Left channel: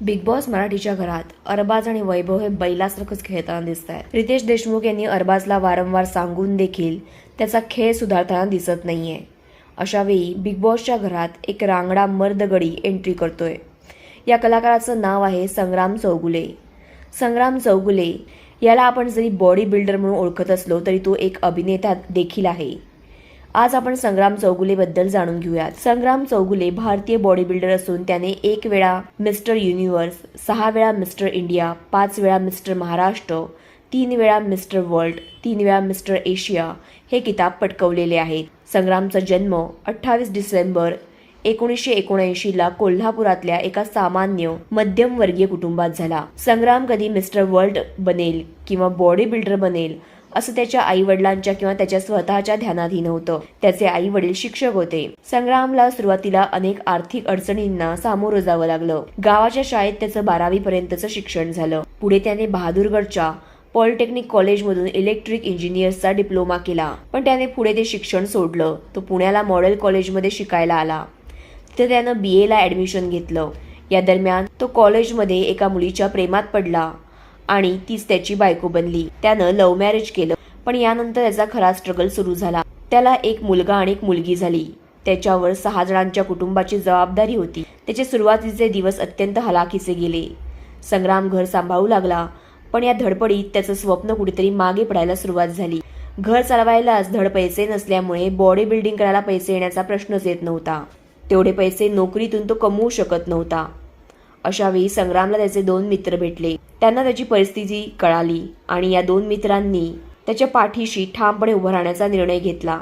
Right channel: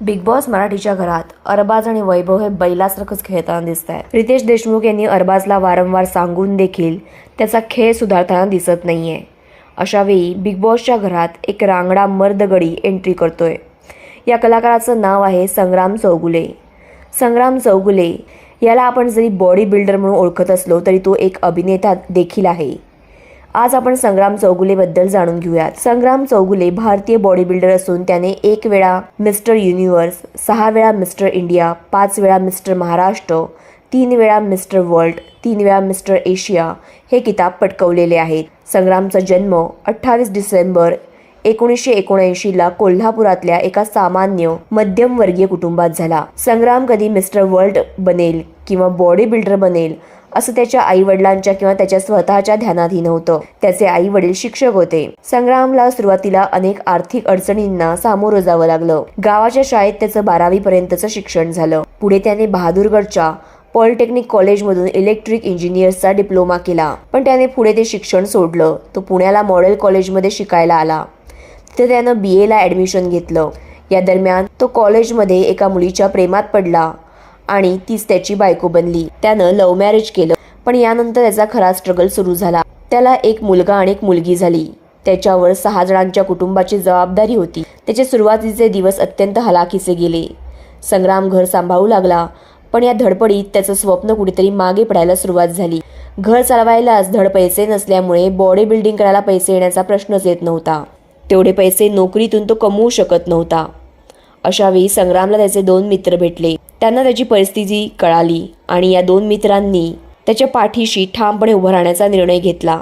Big boss मराठीच्या घरात अरबाज आणि वैभव हे बैलासारखंच खेळताना दिसत आहे रितेश देशमुख यांनी अरबाजला वारंवार सांगून देखील त्याचा खेळ सुधारताना दिसत नाहीये. आहे अशावेळी बिग बॉसच्या घरात एक रांगडा मर्दगडी एंट्री करतोय. या कलाकाराचं नाव आहे संग्राम चौगुले. संग्राम चौगुले याला आपण जरी बॉडी बिल्डर म्हणून ओळखत असलो तरी तो एक अभिनेता देखील आहे. आज आपण संग्राम चौगुलेबद्दल जाणून घेऊयात. संग्राम चौगुले भारतीय बॉडी बिल्डर असून त्याने एक वेळा मिस्टर युनिव्हर्स सहा वेळा मिस्टर इंडिया पाच वेळा मिस्टर महाराष्ट्र तीन वेळा मिस्टर वर्ल्ड तीन वेळा मिस्टर एशिया हे किताब पटकवलेले आहेत. संग्रामचा जन्म अठ्ठावीस डिसेंबर एकोणीसशे एकोणऐंशीला कोल्हापुरातल्या एका सामान्य मध्यमवर्गीय कुटुंबात झाला. संग्राम कधी मिस्टर वर्ल्ड बनेल किंवा बॉडी बिल्डर बनेल असं त्याच्या आई वडिलांच्या किंवा त्याच्या स्वतःच्या ध्यानाधीन होतं. त्याचे आई वडील शिक्षक होते. संग्रामला सुरुवातीला अनेक आर्थिक अडचणींना सामोरं जावं लागलं. गावाच्या शाळेत त्याचं बारावी पर्यंतचं शिक्षण झालं. पुढे त्याने बहादूरगडच्या पॉलिटेक्निक कॉलेजमधून इलेक्ट्रिक इंजिनियर्सचा डिप्लोमा केला. पण त्याने पुढे ते शिक्षण सोडलं. तो पुण्याला मॉडेल कॉलेजमध्ये शिकायला आला. तिथे त्यानं बी एला ॲडमिशन घेतलं. या दरम्यान तो कॉलेजमध्ये एका मुलीच्या प्रेमात पडला. आणि तीच त्याची बायको बनली. त्यानं लव्ह मॅरेज केलं पण यानंतर त्याचा खरा स्ट्रगल सुरू झाला. त्याला एक मुलगा आणि एक मुलगी झाली. त्याच्यावर सहा जणांच्या कुटुंबाची जबाबदारी होती. त्याचे सुरुवातीचे दिवस अत्यंत हलाखीचे गेले. संग्राम घर सांभाळू लागला पण या धडपडीत त्याचं स्वप्न कुठेतरी मागे पडायला सुरुवात झाली. घर चालवायलाच धड पैसे नसल्यामुळे बॉडी बिल्डिंग करायला पैसे येण्याचा प्रश्नच येत नव्हता. तेवढे पैसे नोकरीतून तो कमवू शकत नव्हता. अशावेळी संग्रामला त्याचे दोन मित्र भेटले. त्यांना त्याची परिस्थिती कळाली आणि या दोन मित्रांनी त्याच्या पाठीशी ठामपणे उभं राहण्याचा निर्णय घेतला.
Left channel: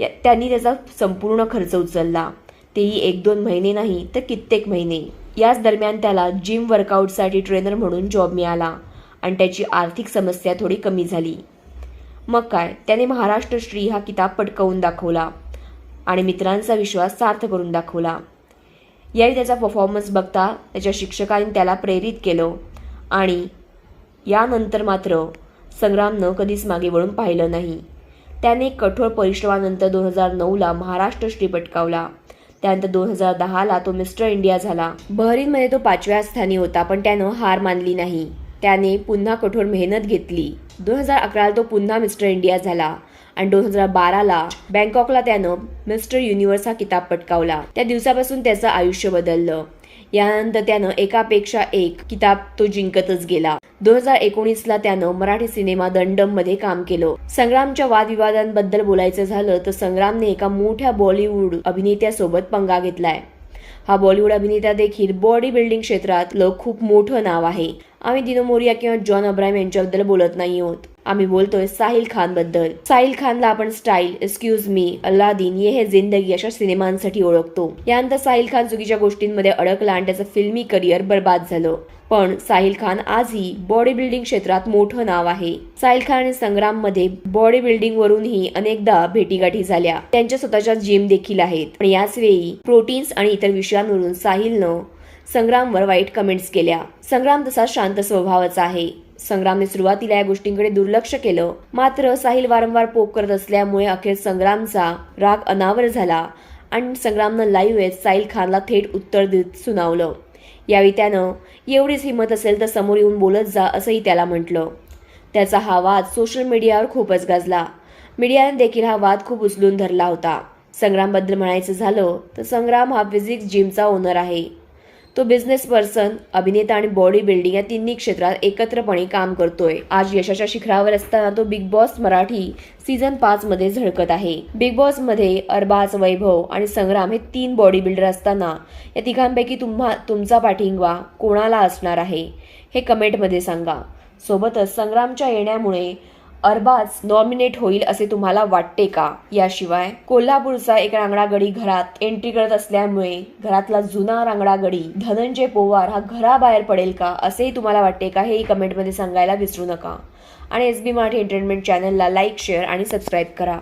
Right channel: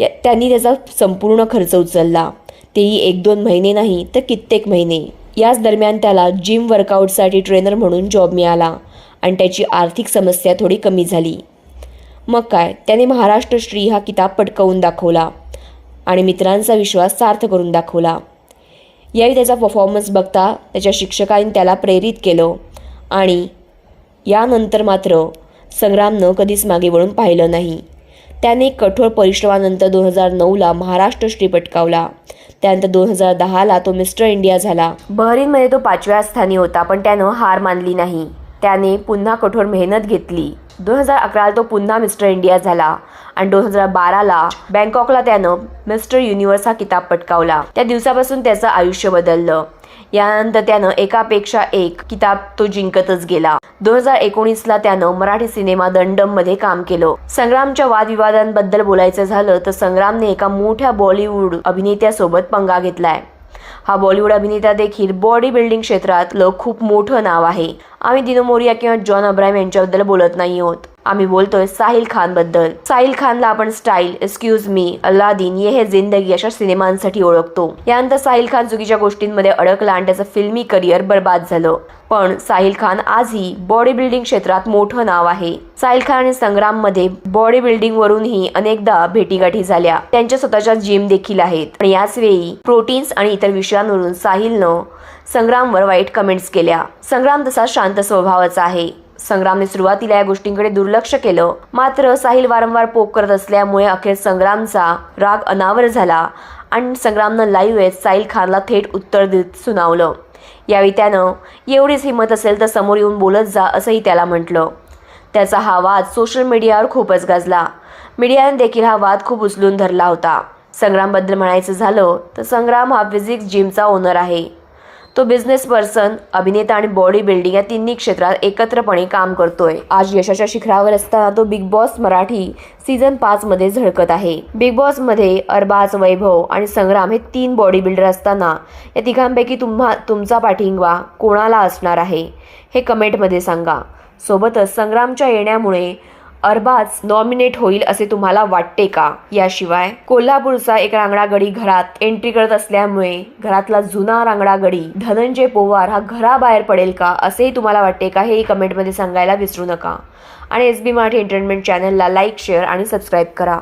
या त्यांनी त्याचा संपूर्ण खर्च उचलला. तेही एक दोन महिने नाही तर कित्येक महिने. याच दरम्यान त्याला जिम वर्कआउटसाठी ट्रेनर म्हणून जॉब मिळाला आणि त्याची आर्थिक समस्या थोडी कमी झाली. मग काय त्याने महाराष्ट्र श्री हा किताब पटकवून दाखवला आणि मित्रांचा विश्वास सार्थ करून दाखवला. यावेळी त्याचा परफॉर्मन्स बघता त्याच्या शिक्षकांनी त्याला प्रेरित केलं. आणि यानंतर मात्र संग्रामनं कधीच मागे वळून पाहिलं नाही. त्याने कठोर परिश्रमानंतर दोन हजार नऊला महाराष्ट्र श्री पटकावला. त्यानंतर दोन हजार दहाला तो मिस्टर इंडिया झाला. बहरीनमध्ये तो पाचव्या स्थानी होता पण त्यानं हार मानली नाही. त्याने पुन्हा कठोर मेहनत घेतली. दोन हजार अकराला तो पुन्हा मिस्टर इंडिया झाला आणि दोन हजार बाराला बँकॉकला त्यानं मिस्टर युनिव्हर्स हा किताब पटकावला. त्या दिवसापासून त्याचं आयुष्य बदललं. यानंतर त्यानं एकापेक्षा एक किताब तो जिंकतच गेला. दोन हजार एकोणीसला त्यानं मराठी सिनेमा दंडममध्ये काम केलं. संग्रामच्या वादविवादांबद्दल बोलायचं झालं तर संग्रामने एका मोठ्या बॉलिवूड अभिनेत्यासोबत पंगा घेतलाय. हा बॉलिवूड अभिनेता देखील बॉडी बिल्डिंग क्षेत्रातलं खूप मोठं नाव आहे. आम्ही दिनो मोरिया किंवा जॉन अब्राहम यांच्याबद्दल बोलत नाही आहोत. आम्ही बोलतोय साहिल खानबद्दल साहिल खानला आपण स्टाईल एक्सक्यूज मी अल्लादीन ये हे जिंदगी अशा सिनेमांसाठी ओळखतो. यानंतर साहिल खान चुकीच्या गोष्टींमध्ये अडकला आणि त्याचं फिल्मी करिअर बर्बाद झालं. पण साहिल खान आजही बॉडी बिल्डिंग क्षेत्रात मोठं नाव आहे. साहिल खान आणि संग्राममध्ये बॉडी बिल्डिंग वरूनही अनेकदा भेटीगाठी झाल्या. त्यांच्या स्वतःच्या जिम देखील आहेत. पण याच वेळी प्रोटीन्स आणि इतर विषयांवरून साहिलनं संग्रामवर वाईट कमेंट्स केल्या. संग्राम तसा शांत स्वभावाचा आहे. संग्रामने सुरुवातीला या गोष्टींकडे दुर्लक्ष केलं. मात्र साहिल वारंवार पोक करत असल्यामुळे अखेर संग्रामचा राग अनावर झाला आणि संग्रामनं लाईव्ह साहिल खानला थेट उत्तर देत सुनावलं. यावेळी त्यानं एवढीच हिंमत असेल तर समोर येऊन बोलत जा असंही त्याला म्हटलं. त्याचा हा वाद सोशल मीडियावर खूपच गाजला. मीडियाने देखील हा वाद खूप उचलून धरला होता. संग्रामबद्दल म्हणायचं झालं तर संग्राम हा फिजिक्स जिमचा ओनर आहे. तो बिझनेस पर्सन अभिनेता आणि बॉडी बिल्डिंग या तिन्ही क्षेत्रात एकत्रपणे काम करतोय. आज यशाच्या शिखरावर असताना तो बिग बॉस मराठी सीझन पाच मध्ये झळकत आहे. बिग बॉसमध्ये अरबाज वैभव आणि संग्राम हे तीन बॉडी बिल्डर असताना या तिघांपैकी तुम्हा तुमचा पाठिंबा कोणाला असणार आहे? हे कमेंटमध्ये सांगा. सोबतच संग्रामच्या येण्यामुळे अरबाज नॉमिनेट होईल असे तुम्हाला वाटते का? याशिवाय कोल्हापूरचा एक रांगडागडी घरात एंट्री करत असल्यामुळे घरातला जुना रांगडागडी धनंजय पोवार हा घराबाहेर पडेल का? असेही तुम्हाला वाटते का? हेही कमेंटमध्ये सांगायला विसरू नका. आणि एस बी मराठी एंटरटेनमेंट चॅनलला लाईक शेअर आणि सबस्क्राईब करा.